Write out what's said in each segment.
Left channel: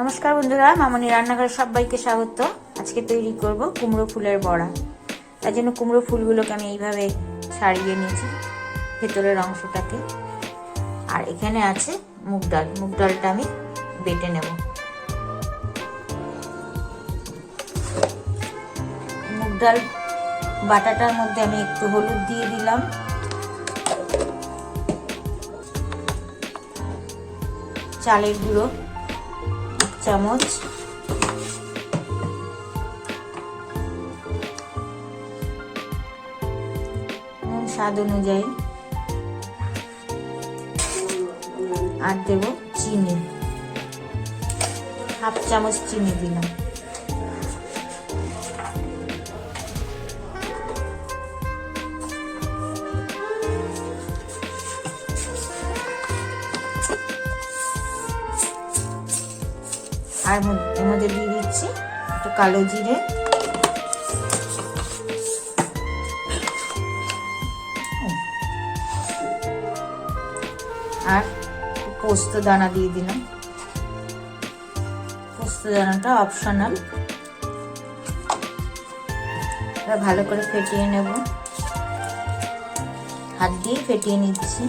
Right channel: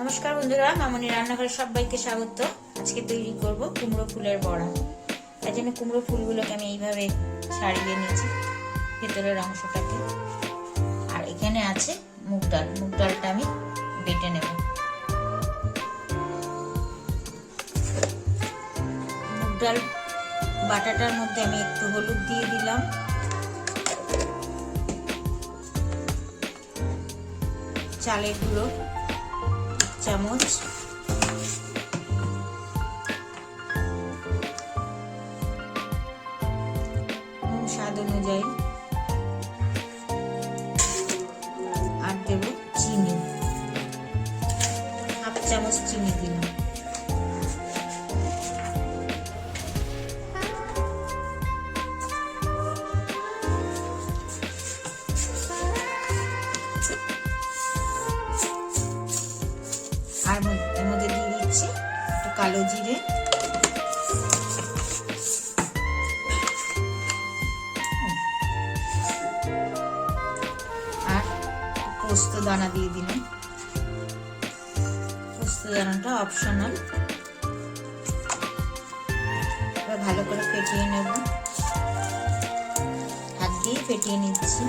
নমস্কার বন্ধুরা, মামনি রান্নাঘরে সবাইকে স্বাগত। আজকে তৈরি করব কুমড়ো ফুলের বড়া। তার জন্য কুমড়ো ফুলগুলোকে আমি এইভাবে ছাড়িয়ে নিয়েছি ভেতরের অংশটাকে। আর এখানে আছে মুগ ডাল, মুগ ডালটা আমি বেটে নেব। মুগ ডাল বাটাটার মধ্যে আমি একটু হলুদ দিয়ে দিলাম, চালের গুঁড়ো চামচ, স্বাদ অনুযায়ী, আর দেব চিনি, হাফ চামচ চিনি দিলাম। আর এর মধ্যে দিয়ে দিচ্ছি একটু কালো জিরে, আর পোস্ত দানা দিয়ে দিলাম। পোস্ত দানাটা অপশনাল। এবার ভালো করে ফেটিয়ে নেব, হাত দিয়ে ফেটিয়ে নিচ্ছি।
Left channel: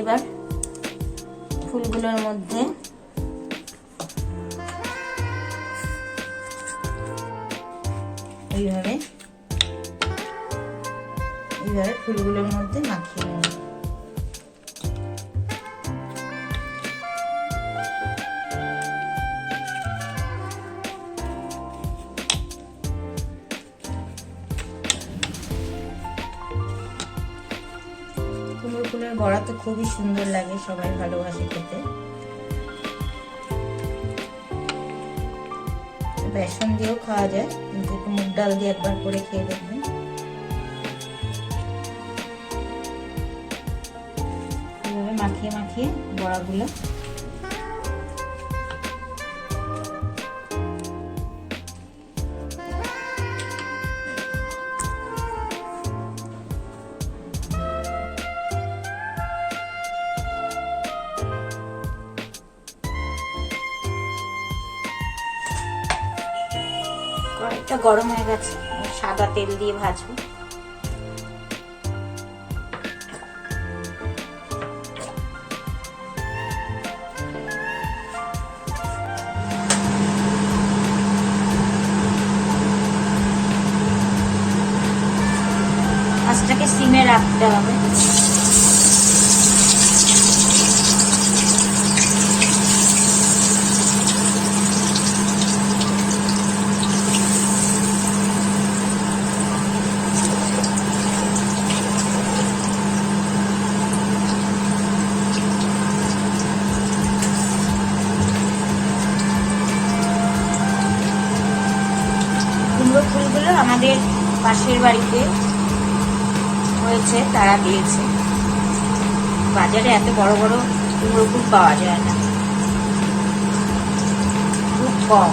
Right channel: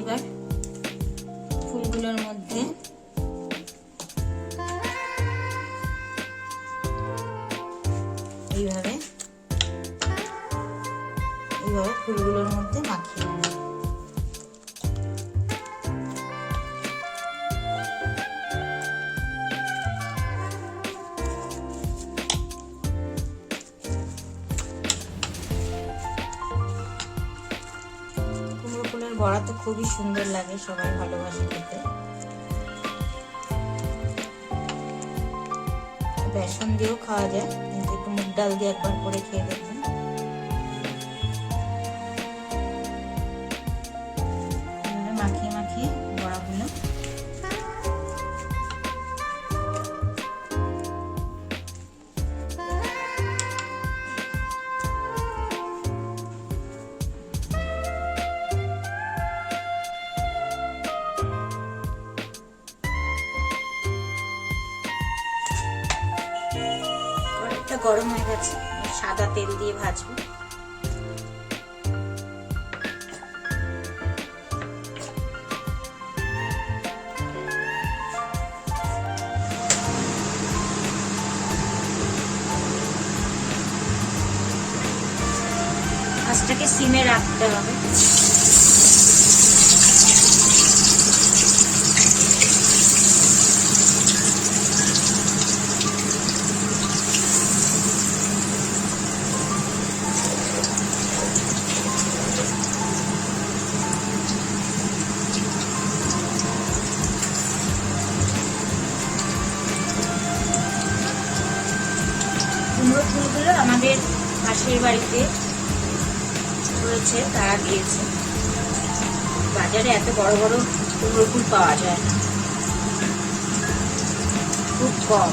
এবার ফুলগুলোর মধ্যে এইভাবে ফুলগুলোর মধ্যে মাখিয়ে নেব। কুমড়ো ফুলের বড়া তো খুবই সুন্দর লাগে, সবাই ভালোবাসে খেতে। বেসন দিয়েও খাওয়া যায়, কিন্তু একটু মুগ ডাল দিয়ে একবার করে খেয়ে দেখবেন। এভাবে মাখিয়ে মাখিয়ে বড়াগুলো কড়াইটা গরম হয়ে গেছে, সাদা তেল দিয়ে ভাজবো। আঁচটাকে সিমে রাখতে হবে। কুমড়ো ফুলগুলো আমাদের পাশের বাড়িতে হয়েছে, তারা দিয়েছে। বাজারে এত বড় বড় কুমড়ো ফুল পাওয়া যায় না, খুব কম।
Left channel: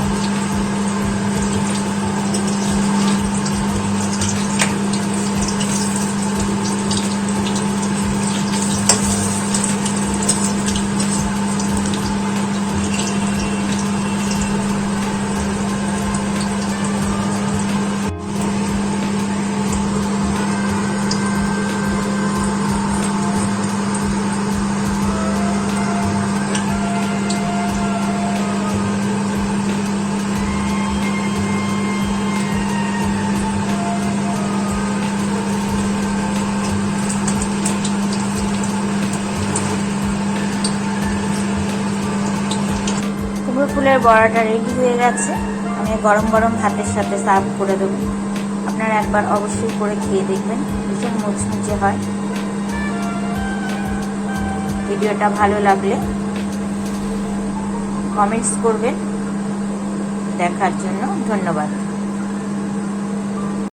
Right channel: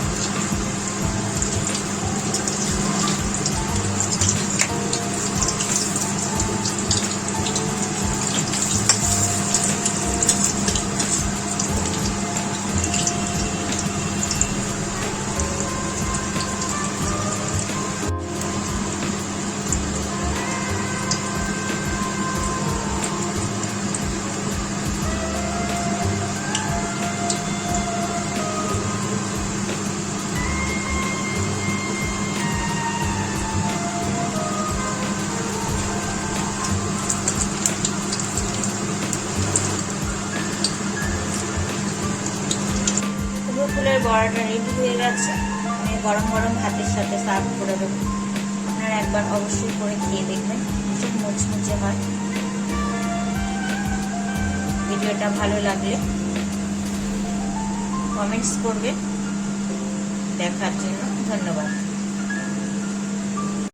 কুমড়ো ফুলের বড়াটা রেডি হয়ে গেছে। আমি গরম গরম ভাতের সাথে সার্ভ করে দেবো। আপনারা একবার অবশ্যই করে খেয়ে দেখবেন, ভীষণ মুচমুচে হয়। ভিডিওটা ভালো লাগলে কমেন্টস করবেন। দেখার জন্য ধন্যবাদ।